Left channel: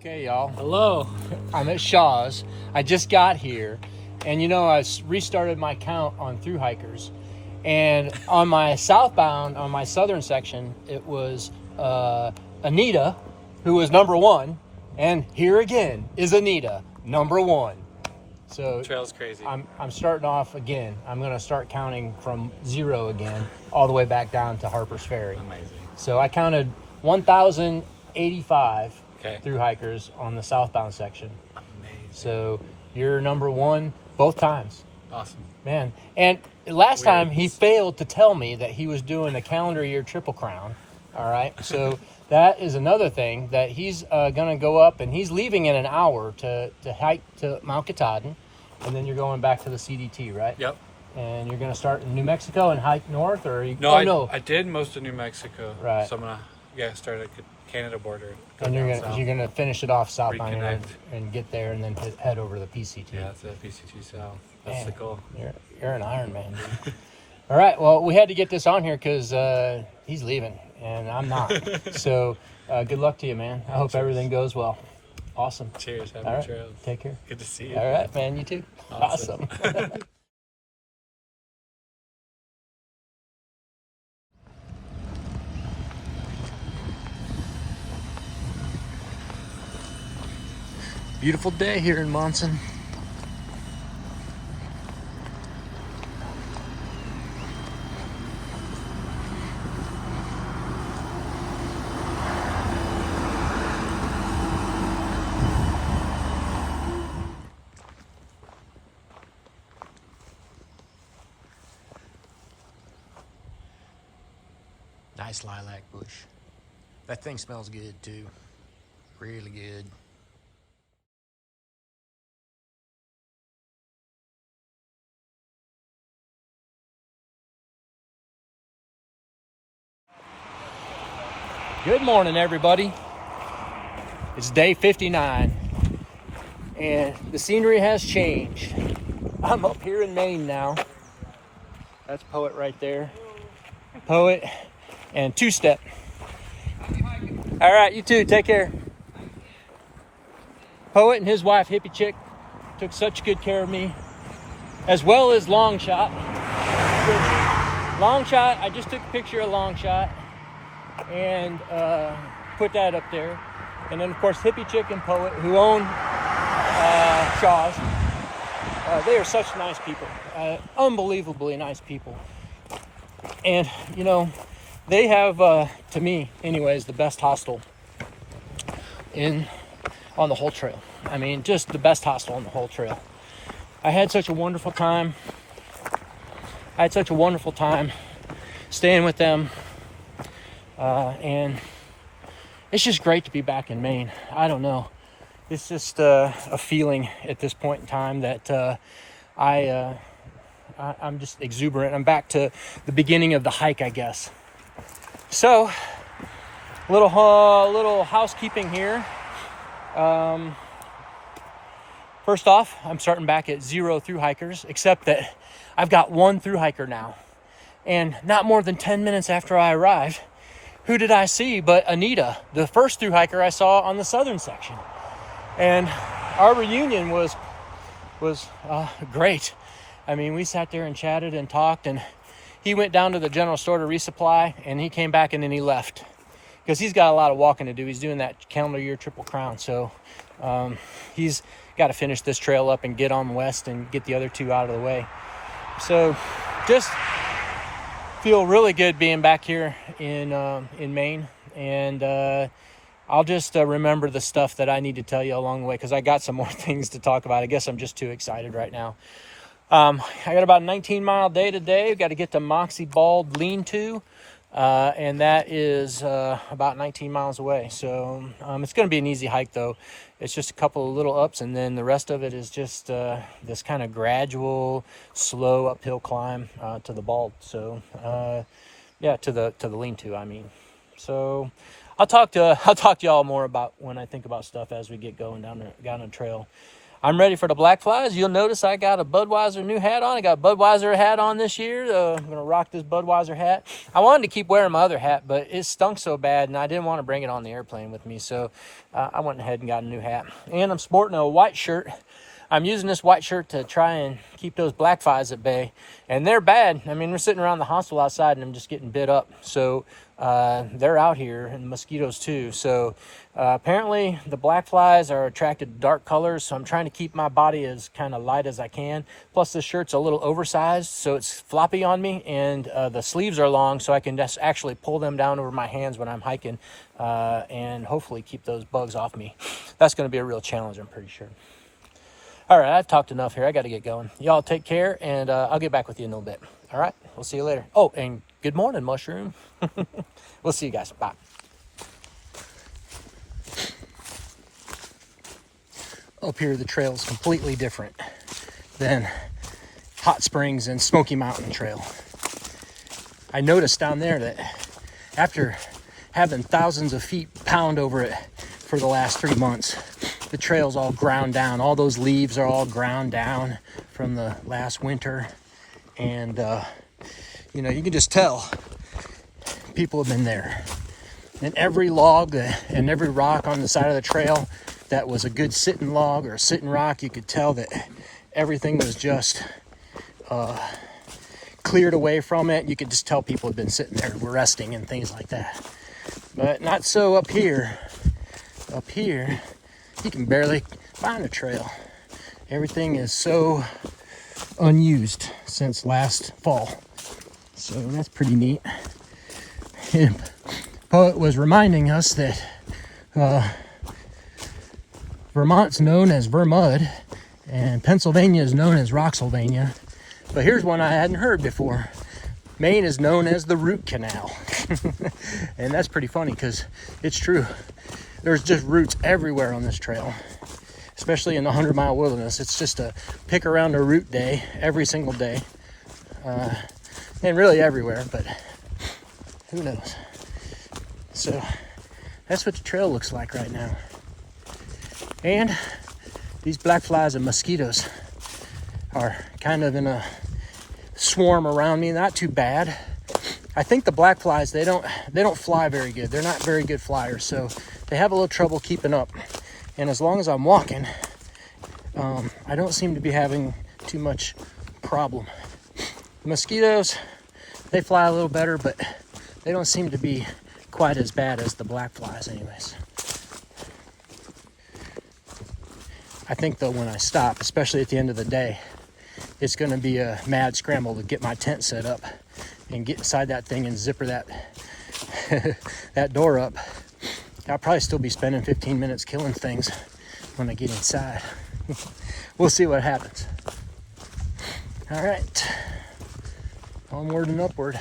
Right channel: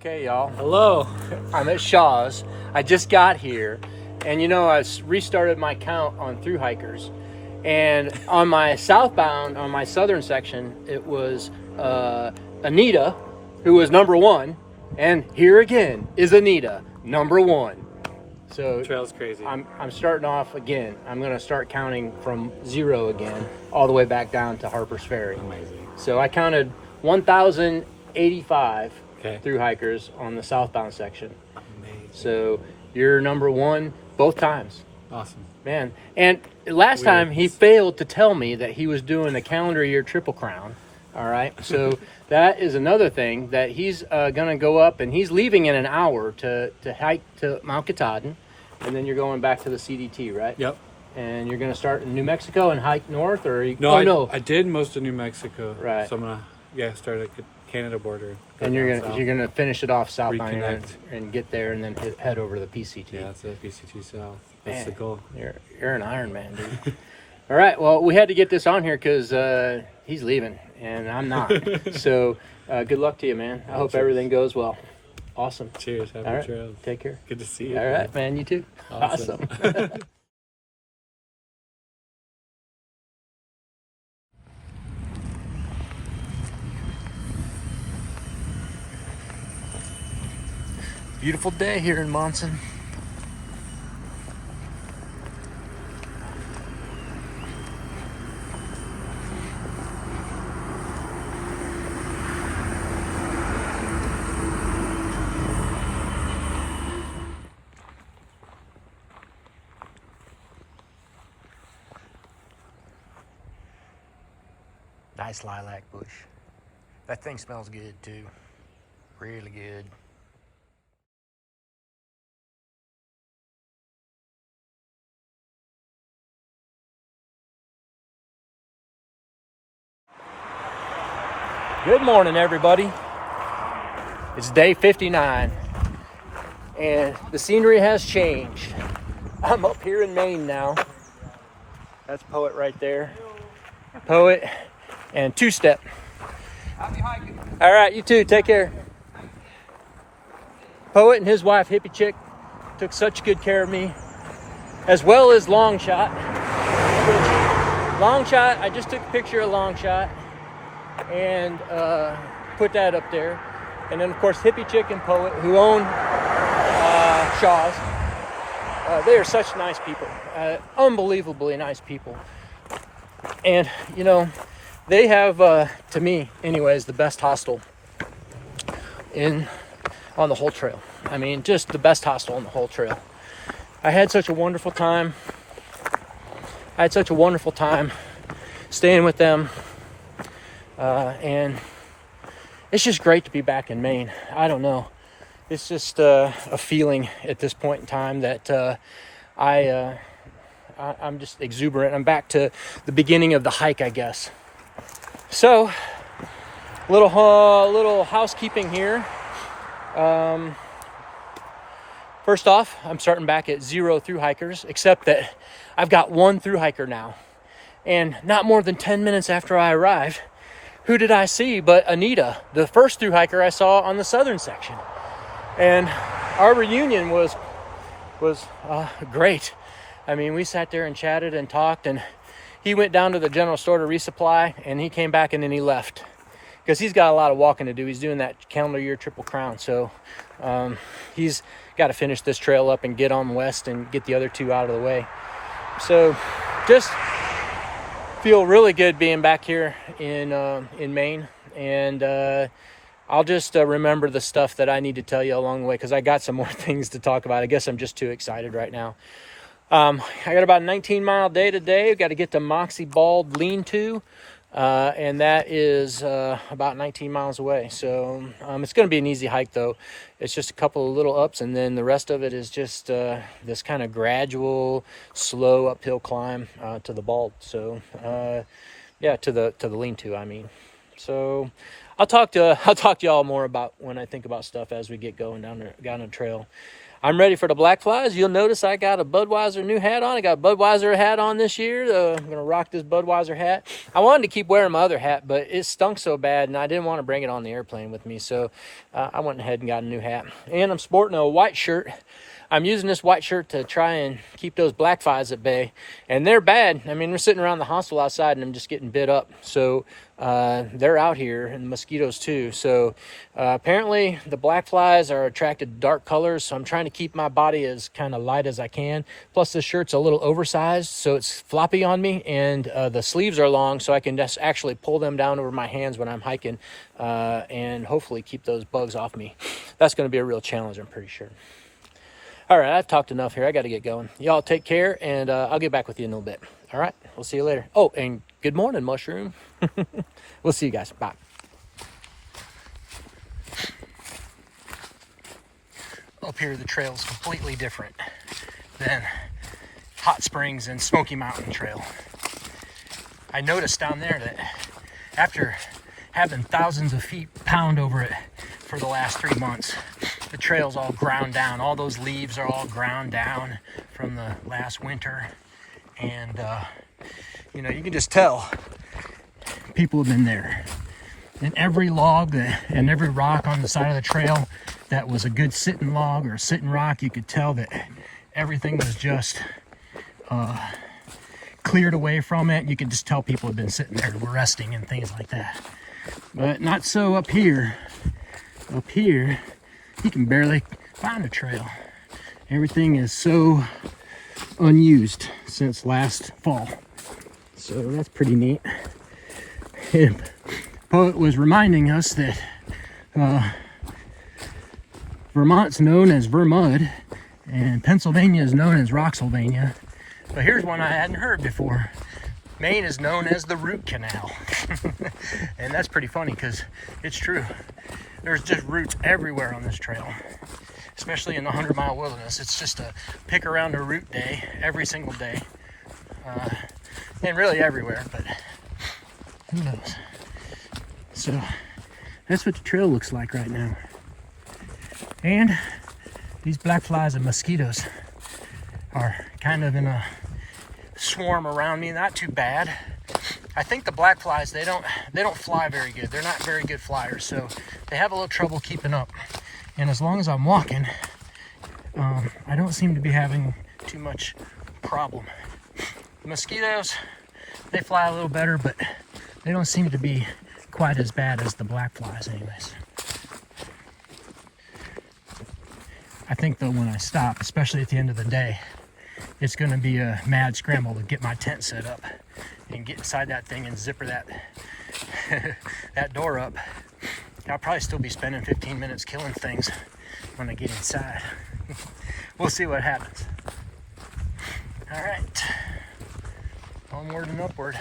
Okay, y'all. Hello. I'm at Shaw's. I just got here, and you know, I restarted my count on Thruhikers, and on my southbound, on my southern section, it was Anita, who was #1, and here again is Anita, #1. So trail's crazy. I'm starting off again. I'm going to start counting from 0 again, all the way back down to Harper's Ferry. Amazing. So I counted 1,085 Okay. Thruhikers on the southbound section. Amazing. So you're #1 both times. Awesome. Man. And last time he failed to tell me that he was doing a calendar year Triple Crown. All right. So that is another thing that he's going to go up, and he's leaving in an hour to hike to Mount Katahdin, and then you're going back to the CDT, right? Yep. And you're going to start in New Mexico and hike north, or No, I did most of New Mexico. Right. So I'm gonna start at the Canada border. And you're gonna finish it off southbound here and get there, and then head over to the PCT. Yeah, that's the PCT south. That's the goal. You're an Iron Man, dude. All right, well, we had to get this on here because he's leaving and I'm not. So good luck to you, man. I hope everything goes well. Awesome. Cheers. Happy trails. Take care. Good to see you. All right, man. You too. Awesome. Beautiful day here in Monson. Nice lilac bush. That thing smells good too. Really good. Good morning, everybody. It's day 59, and the scenery has changed. I'm up here in Maine now. That's Poet right there. Poet and Two Step. All right, you too. Take care. Poet and his wife, Hippie Chick, took such good care of me, as well as Long Shot. Long Shot, I just took a picture of Long Shot and put that up there. And then, of course, Hippie Chick and Poet, who own Shaw's. They are such nice people, unbelievably nice people. And, you know, they have, to me, anyways, the best hostel on the whole trail. I mean, just the best hostel on the whole trail. I had such a wonderful time. Staying with them. And it's just great to be back in Maine. I don't know. It's just a feeling at this point in time that I'm just exuberant. I'm back to the beginning of the hike, I guess. So, little housekeeping here. First off, I'm starting back at 0 Thruhikers, except that I've got 1 Thruhiker now. And not more than 10 minutes after I arrived, who did I see but Anita, the first Thruhiker I saw on the southern section. And our reunion was great. I mean, we sat there and chatted and talked, and he went down to the general store to resupply, and he came back and then he left because he's got a lot of walking to do. He's doing that calendar year Triple Crown, so he's got to finish this trail up and get on west and get the other 2 out of the way. So just feel really good being back here in Maine, and I'll just remember the stuff that I need to tell you along the way, because I got some more things to talk about. I guess I'm just too excited right now. I got about a 19-mile day today. I've got to get to Moxie Bald Lean-To, and that is about 19 miles away. So it's going to be an easy hike, though. It's just a couple of little ups, and then the rest of it is just this kind of gradual, slow uphill climb to the Bald. So yeah, to the Lean-To, I mean. So I'll talk to y'all more about when I think about stuff as we get going down the trail. I'm ready for the black flies. You'll notice I got a Budweiser new hat on. I got a Budweiser hat on this year. I'm going to rock this Budweiser hat. I wanted to keep wearing my other hat, but it stunk so bad, and I didn't want to bring it on the airplane with me. So I went ahead and got a new hat. And I'm sporting a white shirt. I'm using this white shirt to try and keep those black flies at bay. And they're bad. I mean, they're sitting around the hostel outside, and I'm just getting bit up. So they're out here, and the mosquitoes too. So apparently the black flies are attracted to dark colors, so I'm trying to keep my body as kind of light as I can. Plus this shirt's a little oversized, so it's floppy on me, and the sleeves are long, so I can just actually pull them down over my hands when I'm hiking, and hopefully keep those bugs off me. That's going to be a real challenge, I'm pretty sure. All right, I've talked enough here. I got to get going. Y'all take care, and I'll get back with you in a little bit. All right, we'll see you later. Oh, and good morning, Mushroom. We'll see you guys. Bye. Up here, the trail is completely different than Hot Springs and Smoky Mountain Trail. I noticed down there that after having thousands of feet pound over it for the last 3 months, the trail's all ground down. All those leaves are all ground down from the last winter. And, you know, you can just tell people have been there. And every log and every rock on the side of the trail that was a good sitting log or a sitting rock, you could tell that everything was just cleared away from it. You could just tell people had been sitting there resting and things like that. But not so up here. Up here, you can barely find a trail. Everything is so unused since last fall. So that's pretty neat. And poet was reminding us that Vermont's known as Vermud and Pennsylvania is known as Roxylvania. But here's one I hadn't heard before. Maine is known as the Root Canal. And that's pretty funny because it's true. There's just roots everywhere on this trail, especially in the 100-mile wilderness. It's just a pick around a root day every single day. And really everywhere, but who knows? So that's what the trail looks like right now. And these black flies and mosquitoes are kind of in a swarm around me. Not too bad. I think the black flies, they don't fly very good. They're not very good flyers, so they have a little trouble keeping up. And as long as I'm walking, I don't seem to be having too much problem. The mosquitoes, they fly a little better, but they don't seem to be quite as bad as the black flies anyways. I think though when I stop, especially at the end of the day, it's going to be a mad scramble to get my tent set up and get inside that thing and zipper that that door up. I'll probably still be spending 15 minutes killing things when I get inside. We'll see what happens. All right, onward and upward.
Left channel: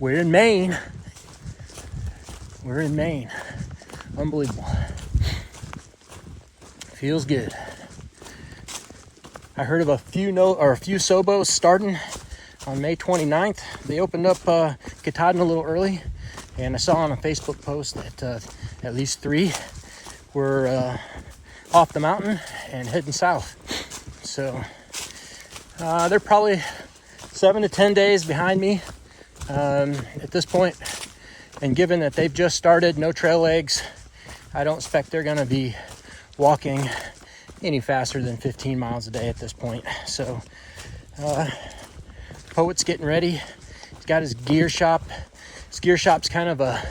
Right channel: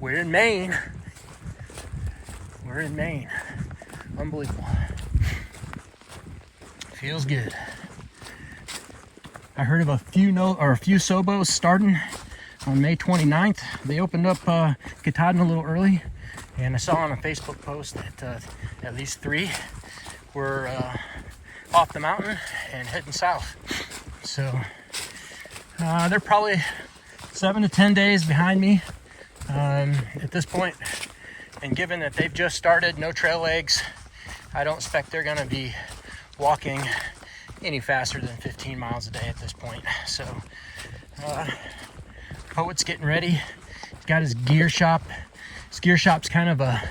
We're in Maine. We're in Maine. Unbelievable. Feels good. I heard of a few Sobos starting on May 29th. They opened up Katahdin a little early, and I saw on a Facebook post that at least 3 were off the mountain and heading south. So they're probably 7 to 10 days behind me at this point. And given that they've just started, no trail legs, I don't expect they're going to be walking any faster than 15 miles a day at this point. So Poet's getting ready. He's got his gear shop. His gear shop's kind of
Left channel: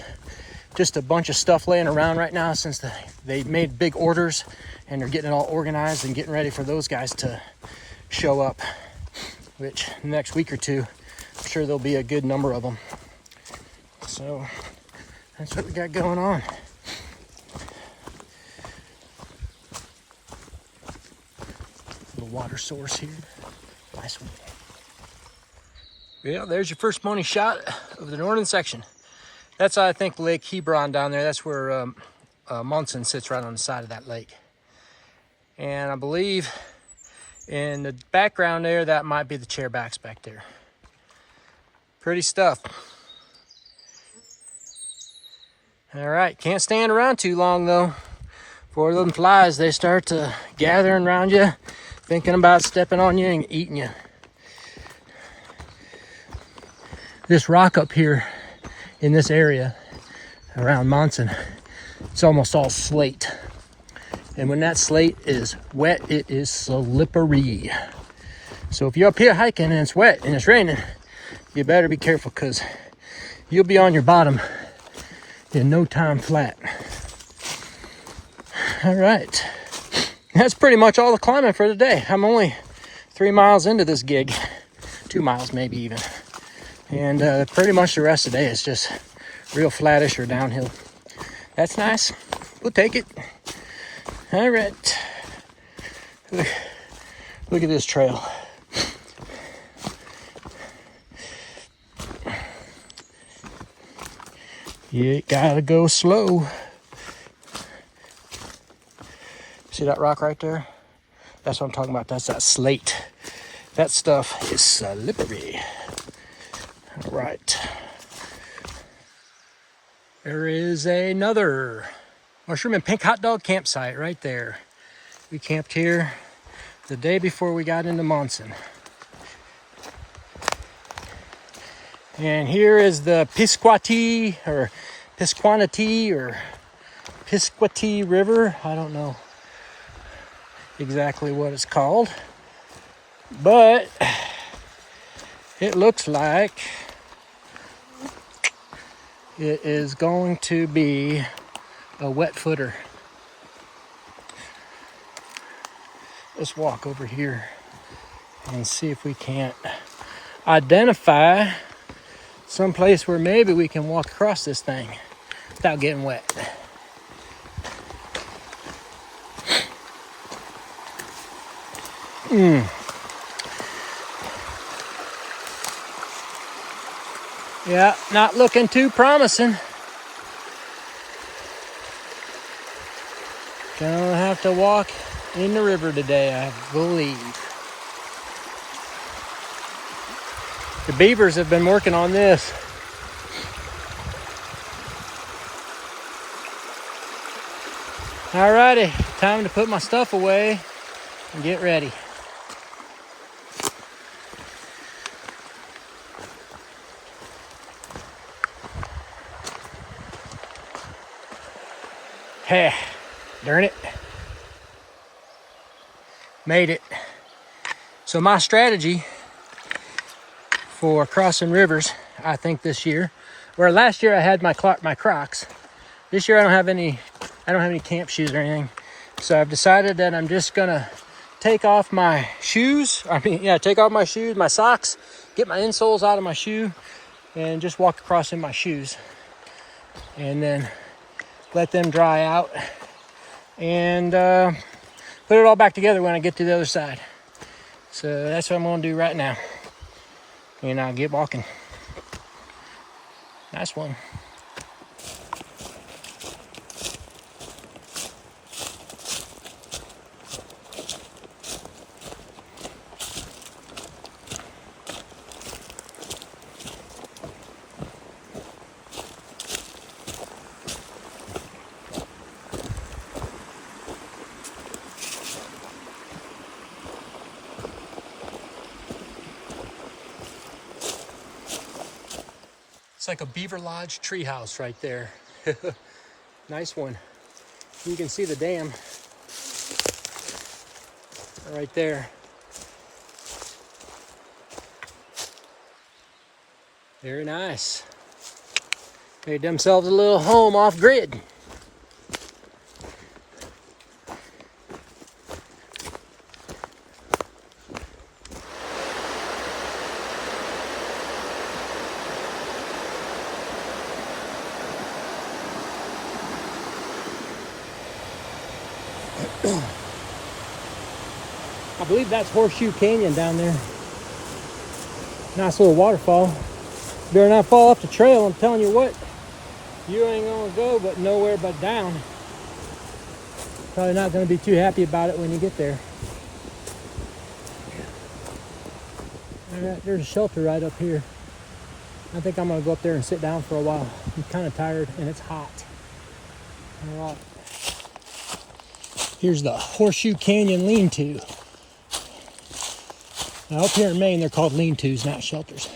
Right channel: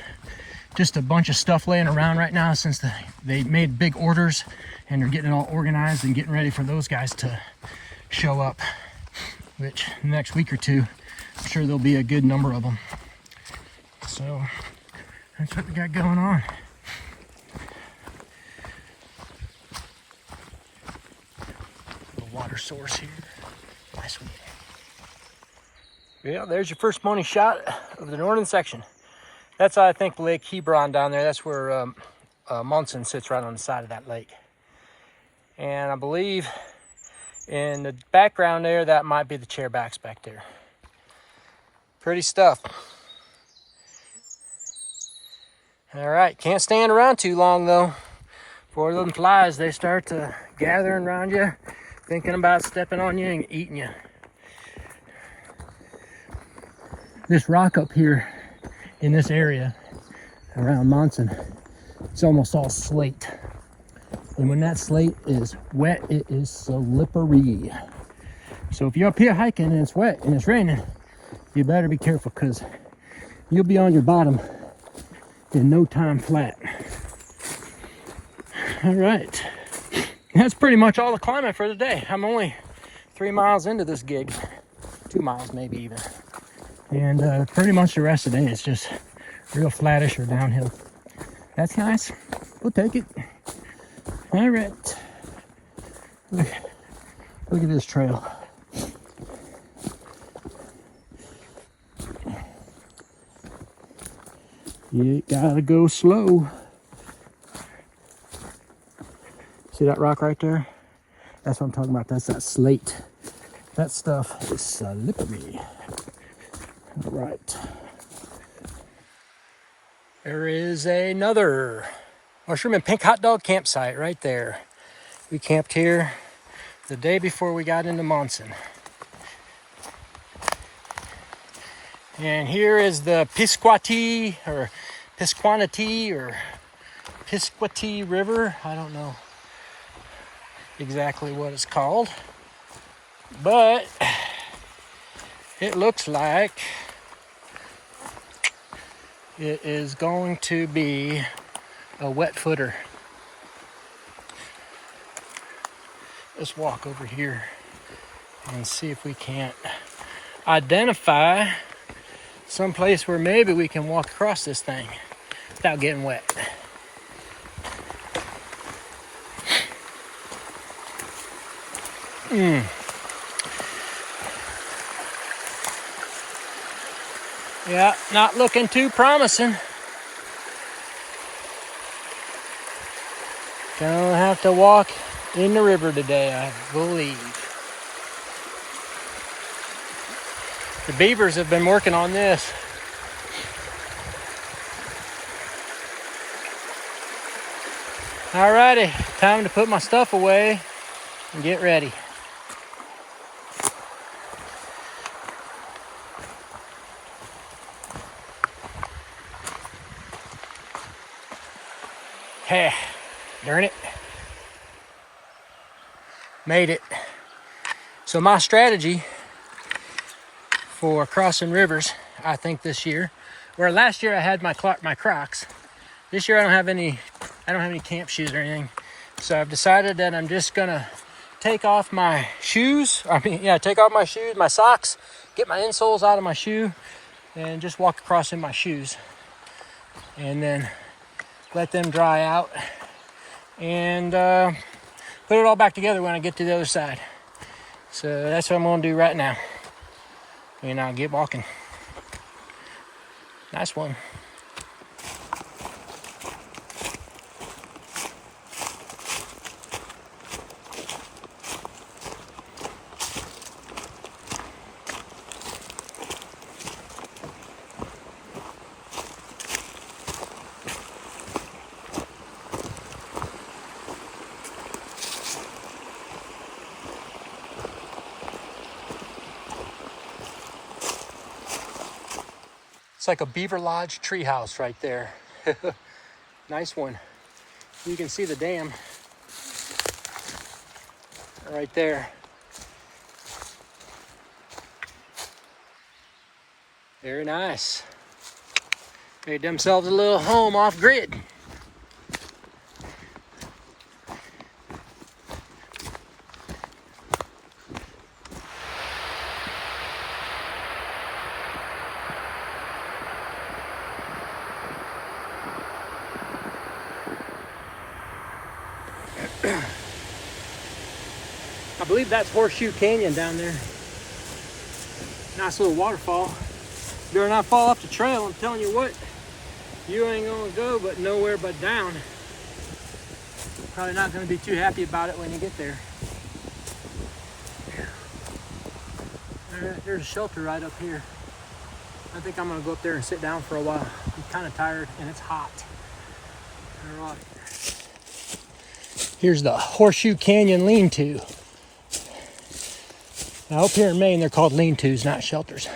just a bunch of stuff laying around right now since they made big orders, and they're getting it all organized and getting ready for those guys to show up, which next week or two, I'm sure there'll be a good number of them. So that's what we got going on. Little water source here. Nice one. Yeah, there's your first morning shot of the northern section. That's, I think, Lake Hebron down there. That's where Monson sits, right on the side of that lake. And I believe in the background there, that might be the chairbacks back there. Pretty stuff. All right, can't stand around too long though. before them flies, they start to gathering around you, thinking about stepping on you and eating you. This rock up here in this area around Monson, it's almost all slate. And when that slate is wet, it is slippery. So if you're up here hiking and it's wet and it's raining, you better be careful, because you'll be on your bottom in no time flat. All right, that's pretty much all the climbing for the day. I'm only 3 miles into this gig, 2 miles maybe even. And pretty much the rest of the day is just real flattish or downhill. That's nice. We'll take it. All right. Look at this trail. You gotta go slow. See that rock right there? That's what I'm talking about. That's that slate. That stuff is slippery. All right. There is another mushroom and pink hot dog campsite right there. We camped here the day before we got into Monson. And here is the Pisquatee or Pisquatee River. I don't know exactly what it's called, but it looks like it is going to be a wet footer. Let's walk over here and see if we can't identify some place where maybe we can walk across this thing without getting wet. Yeah, not looking too promising. Gonna have to walk in the river today, I believe. The beavers have been working on this. Alrighty, time to put my stuff away and get ready. Hey, darn it. Made it. So my strategy for crossing rivers, I think this year, where last year I had my Crocs. This year I don't have any camp shoes or anything. So I've decided that I'm just gonna take off my shoes. Take off my shoes, my socks, get my insoles out of my shoe, and just walk across in my shoes. And then let them dry out, and put it all back together when I get to the other side. So that's what I'm gonna do right now. And I'll get walking. Nice one. It's like a beaver lodge treehouse right there. Nice one. You can see the dam right there. Very nice. Made themselves a little home off grid. I believe that's Horseshoe Canyon down there. Nice little waterfall. Better not fall off the trail. I'm telling you what, you ain't gonna go but nowhere but down. Probably not gonna be too happy about it when you get there. All right, there's a shelter right up here. I think I'm gonna go up there and sit down for a while. I'm kind of tired and it's hot. All right. Here's the Horseshoe Canyon lean-to. Now up here in Maine, they're called lean-tos, not shelters.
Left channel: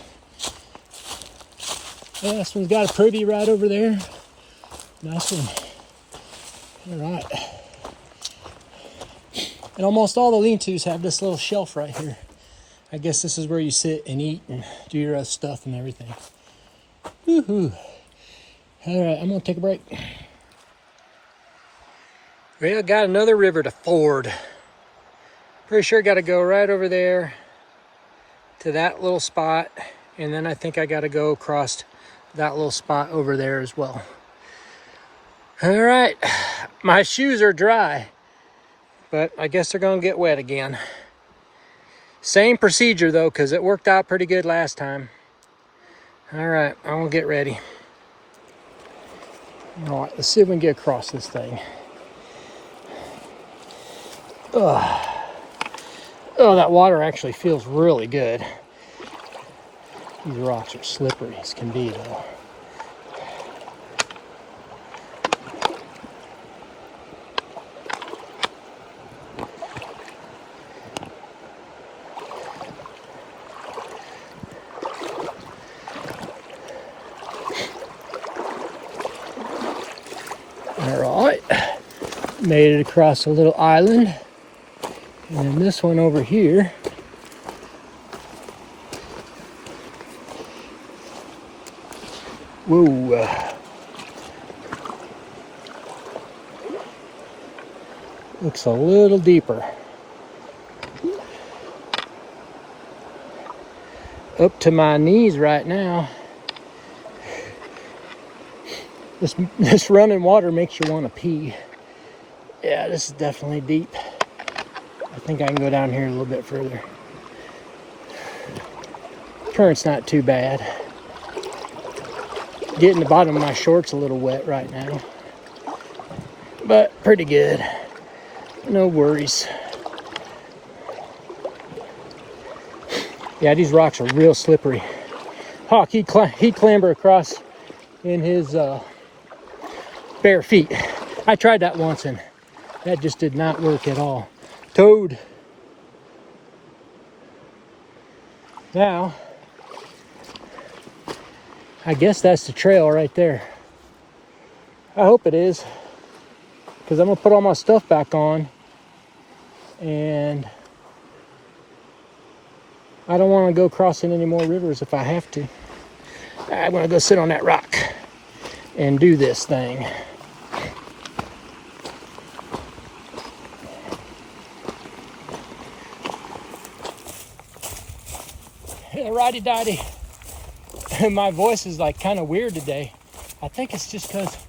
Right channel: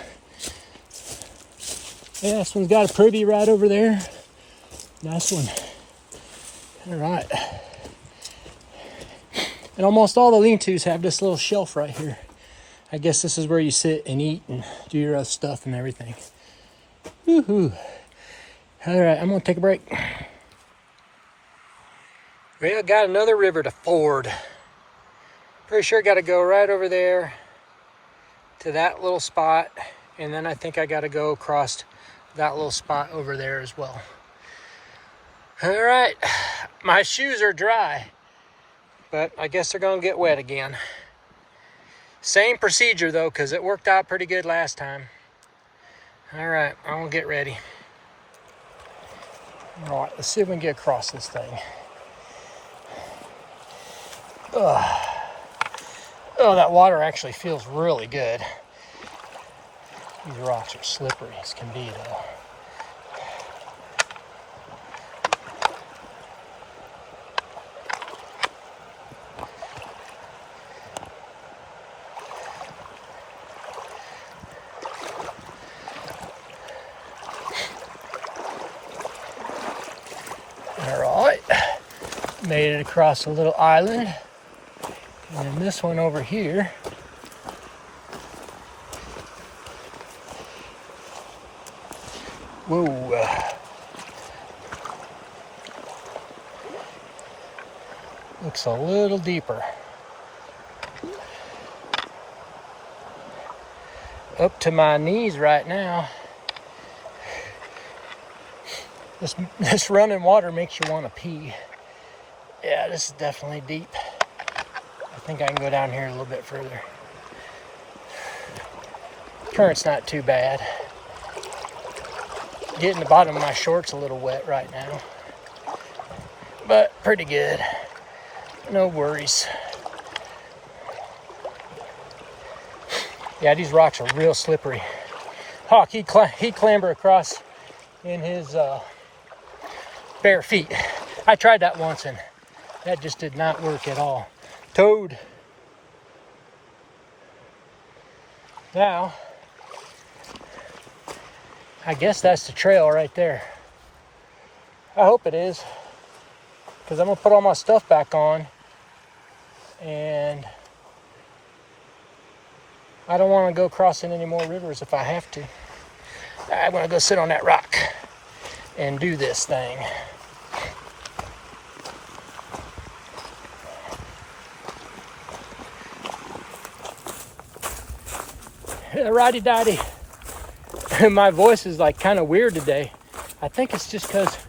Yeah, this one's got a privy right over there. Nice one. All right. And almost all the lean-tos have this little shelf right here. I guess this is where you sit and eat and do your other stuff and everything. Woohoo. All right, I'm gonna take a break. Well, got another river to ford. Pretty sure got to go right over there to that little spot. And then I think I got to go across that little spot over there as well. All right, my shoes are dry, but I guess they're gonna get wet again. Same procedure though, because it worked out pretty good last time. All right, I'm gonna get ready. All right, let's see if we can get across this thing. Oh, that water actually feels really good. These rocks are slippery as can be though. Alright, made it across a little island. And then this one over here. Whoa. Looks a little deeper. Up to my knees right now. This running water makes you want to pee. Yeah, this is definitely deep. I think I can go down here a little bit further. Current's not too bad. Getting the bottom of my shorts a little wet right now. But pretty good. No worries. Yeah, these rocks are real slippery. Hawk, he clambered across in his bare feet. I tried that once and that just did not work at all. Toad. Now, I guess that's the trail right there. I hope it is, because I'm gonna put all my stuff back on and I don't want to go crossing any more rivers if I have to. I'm gonna go sit on that rock and do this thing. Righty dotty. My voice is like kind of weird today. I think it's just because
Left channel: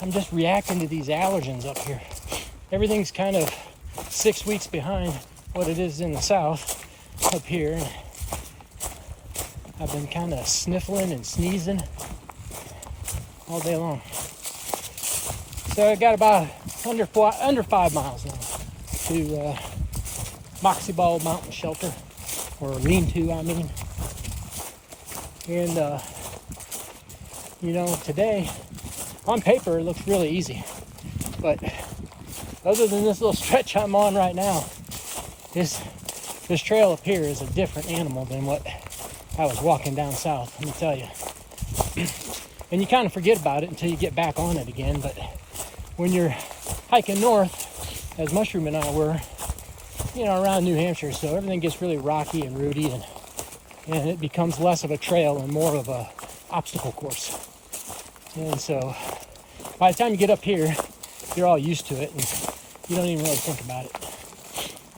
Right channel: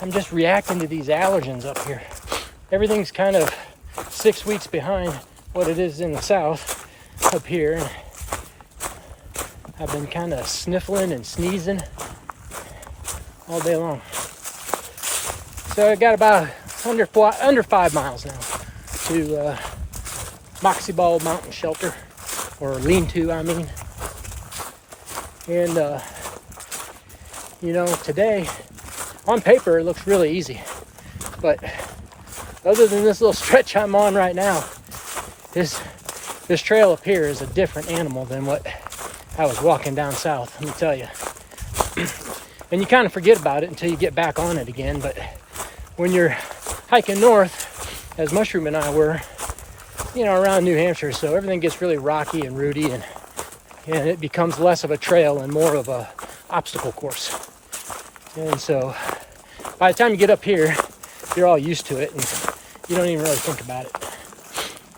I'm just reacting to these allergens up here. Everything's kind of 6 weeks behind what it is in the south up here. I've been kind of sniffling and sneezing all day long. So I got about under 5 miles now to Moxie Ball Mountain Shelter, or lean-to, I mean. And, you know, today, on paper, it looks really easy. But other than this little stretch I'm on right now, this trail up here is a different animal than what I was walking down south, let me tell you. And you kind of forget about it until you get back on it again. But when you're hiking north, as Mushroom and I were, you know, around New Hampshire, so everything gets really rocky and rooty, and it becomes less of a trail and more of a obstacle course. And so by the time you get up here, you're all used to it and you don't even really think about it.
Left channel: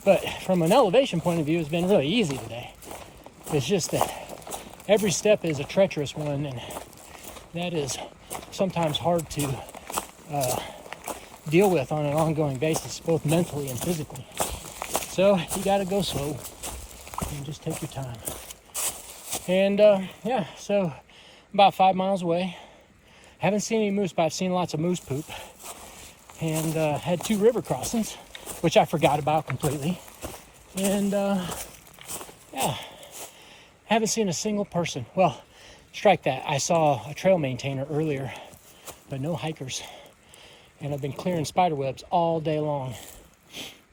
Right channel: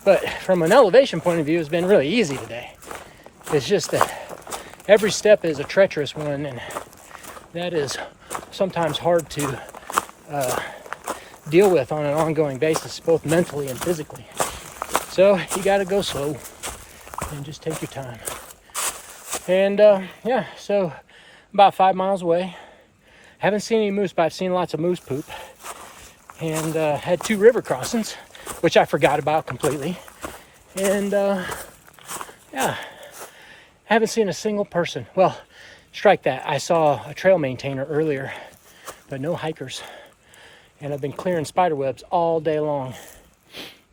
But from an elevation point of view, it's been really easy today. It's just that every step is a treacherous one, and that is sometimes hard to deal with on an ongoing basis, both mentally and physically. So you got to go slow and just take your time. And yeah, so about 5 miles away. Haven't seen any moose, but I've seen lots of moose poop. And had 2 river crossings, which I forgot about completely. And yeah, haven't seen a single person. Well, strike that. I saw a trail maintainer earlier, but no hikers. And I've been clearing spider webs all day long.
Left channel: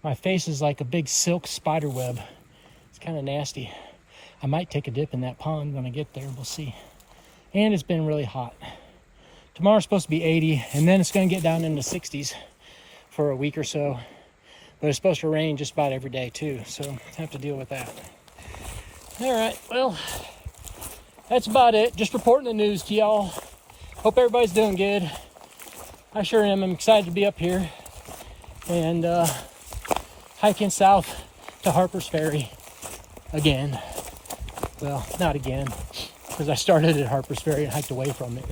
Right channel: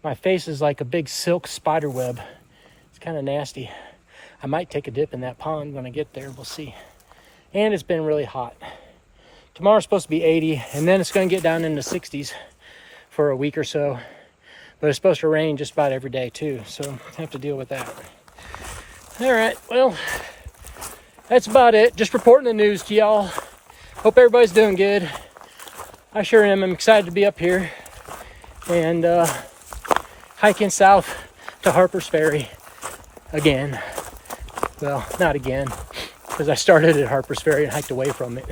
My face is like a big silk spider web. It's kind of nasty. I might take a dip in that pond when I get there. We'll see. And it's been really hot. Tomorrow's supposed to be 80, and then it's going to get down in the 60s for a week or so. But it's supposed to rain just about every day too, so I have to deal with that. All right, well, that's about it. Just reporting the news to y'all. Hope everybody's doing good. I sure am. I'm excited to be up here and hiking south to Harper's Ferry again. Well, not again, because I started at Harper's Ferry and hiked away from it.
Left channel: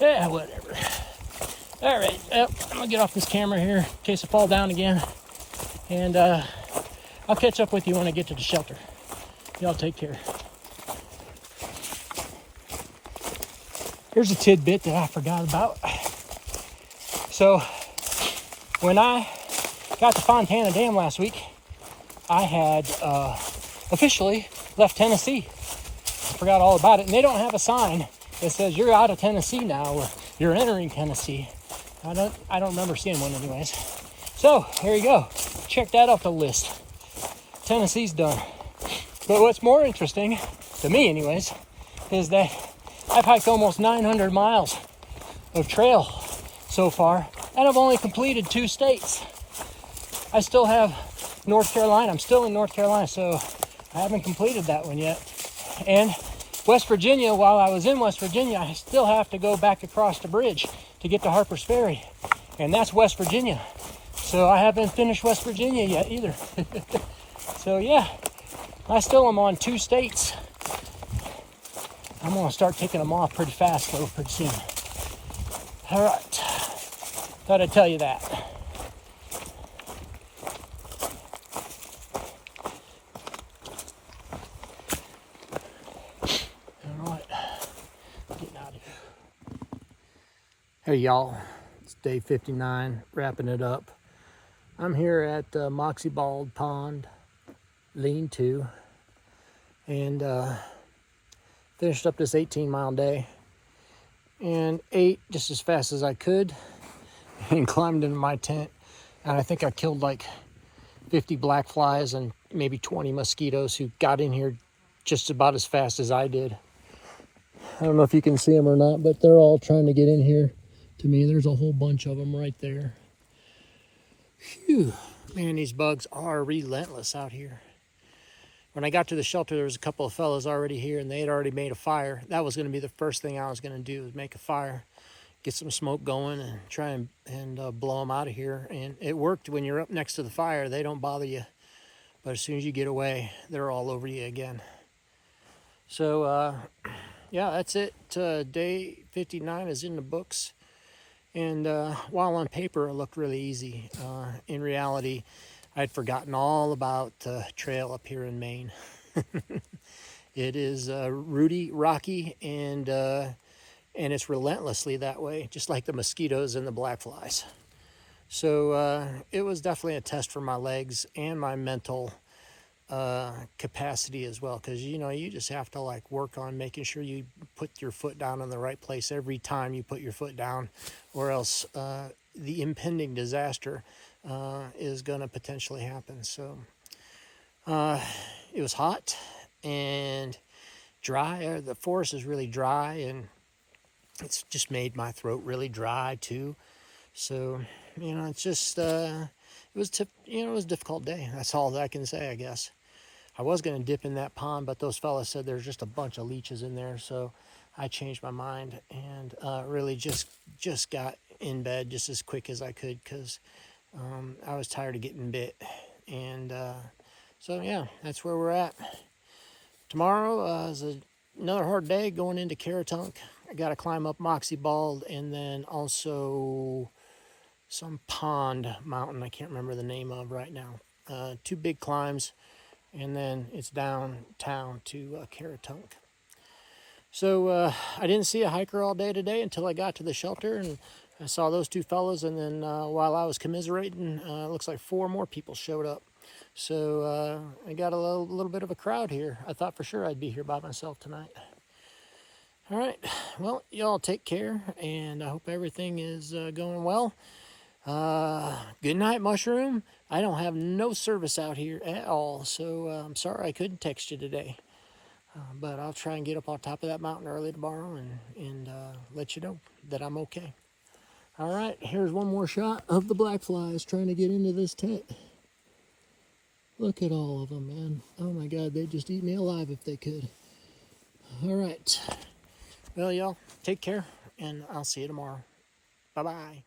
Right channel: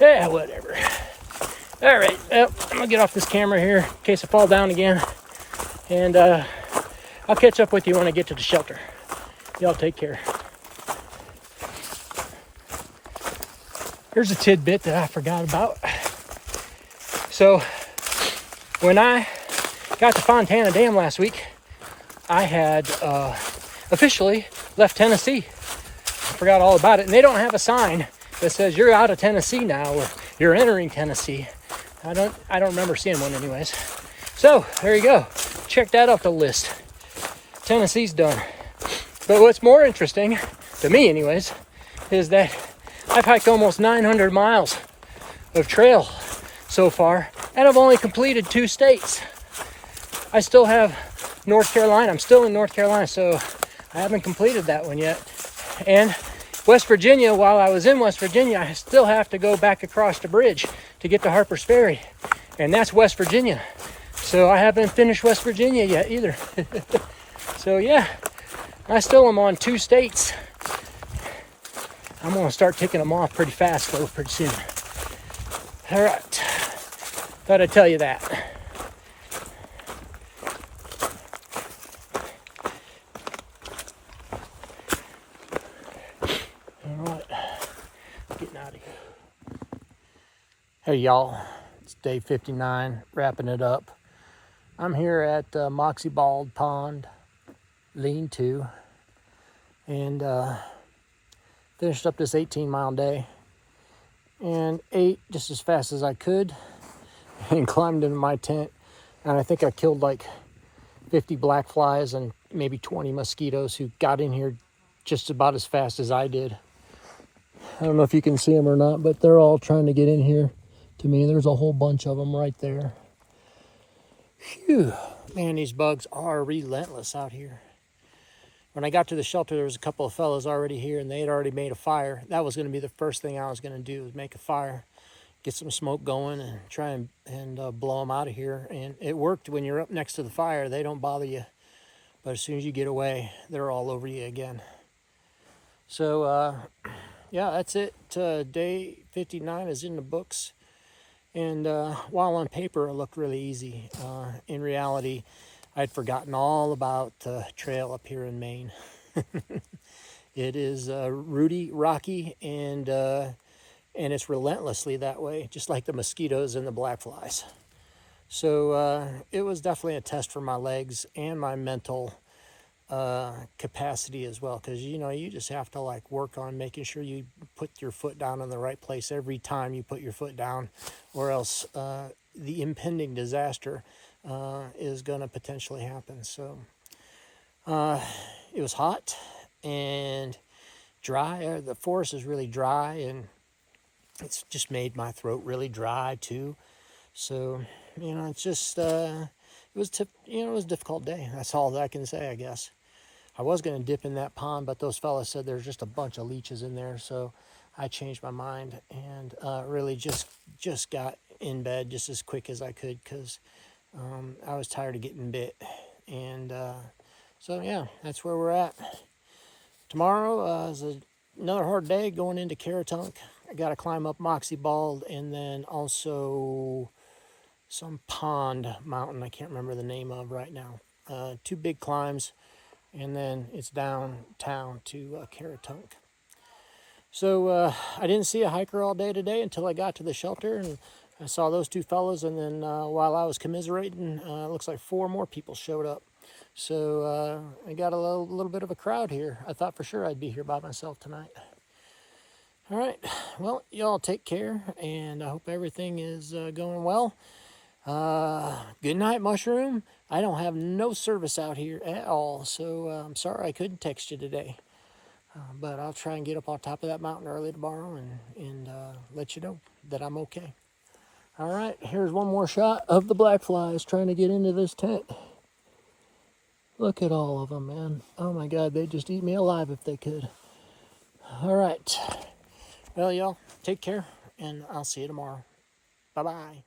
Yeah, whatever. All right, well, I'm gonna get off this camera here in case I fall down again. And I'll catch up with you when I get to the shelter. Y'all take care. Here's a tidbit that I forgot about. So, when I got to Fontana Dam last week, I had officially left Tennessee. I forgot all about it. And they don't have a sign that says you're out of Tennessee now or you're entering Tennessee. I don't remember seeing one anyways. So there you go. Check that off the list. Tennessee's done. But what's more interesting, to me anyways, is that I've hiked almost 900 miles of trail so far, and I've only completed 2 states. I still have North Carolina. I'm still in North Carolina, so I haven't completed that one yet. And West Virginia, while I was in West Virginia, I still have to go back across the bridge to get to Harper's Ferry. And that's West Virginia. So I haven't finished West Virginia yet either. So yeah, I still am on 2 states. I'm gonna start ticking them off pretty fast though, pretty soon. All right, thought I'd tell you that. Hey y'all, it's day 59, wrapping it up. I'm here at Moxie Bald Pond, lean-to, and finished up this 18-mile day and ate just as fast as I could and climbed into my tent, and I think I killed like 50 black flies and maybe 20 mosquitoes who got in here just about as fast as I did. I don't know if you can see them or not, but they're all trying to get in here. To me, there's a whole bunch of them right there. Phew, man, these bugs are relentless out here. When I got to the shelter, there was a couple of fellows already here, and they had already made a fire. That was going to be the first thing I was going to do, was make a fire, get some smoke going, and try and blow them out of here. And it worked. When you're up next to the fire, they don't bother you. But as soon as you get away, they're all over you again. So, yeah, that's it. Day 59 is in the books. And while on paper it looked really easy, in reality, I'd forgotten all about the trail up here in Maine. It is rooty, rocky, and it's relentlessly that way, just like the mosquitoes and the black flies. So it was definitely a test for my legs and my mental capacity as well, because you just have to like work on making sure you put your foot down in the right place every time you put your foot down, or else the impending disaster is going to potentially happen. So it was hot and dry. The forest is really dry, and it's just made my throat really dry too. So it's just it was a difficult day. That's all that I can say, I guess. I was going to dip in that pond, but those fellas said there's just a bunch of leeches in there, so I changed my mind and really just got in bed just as quick as I could, because I was tired of getting bit. And so yeah, that's where we're at. Tomorrow is another hard day going into Caratunk. I got to climb up Moxie Bald, and then also some pond mountain I can't remember the name of right now. 2 big climbs, and then it's downtown to Caratunk. So I didn't see a hiker all day today until I got to the shelter, and I saw those 2 fellas, and then while I was commiserating, it looks like 4 more people showed up. So I got a little bit of a crowd here. I thought for sure I'd be here by myself tonight. All right, well, y'all take care, and I hope everything is going well. Good night, Mushroom. I don't have no service out here at all, so I'm sorry I couldn't text you today. But I'll try and get up on top of that mountain early tomorrow and let you know that I'm okay. All right, here's one more shot of the black flies trying to get into this tent. Look at all of them, man. Oh my God, they'd just eat me alive if they could. All right. Well, y'all, take care, and I'll see you tomorrow. Bye-bye.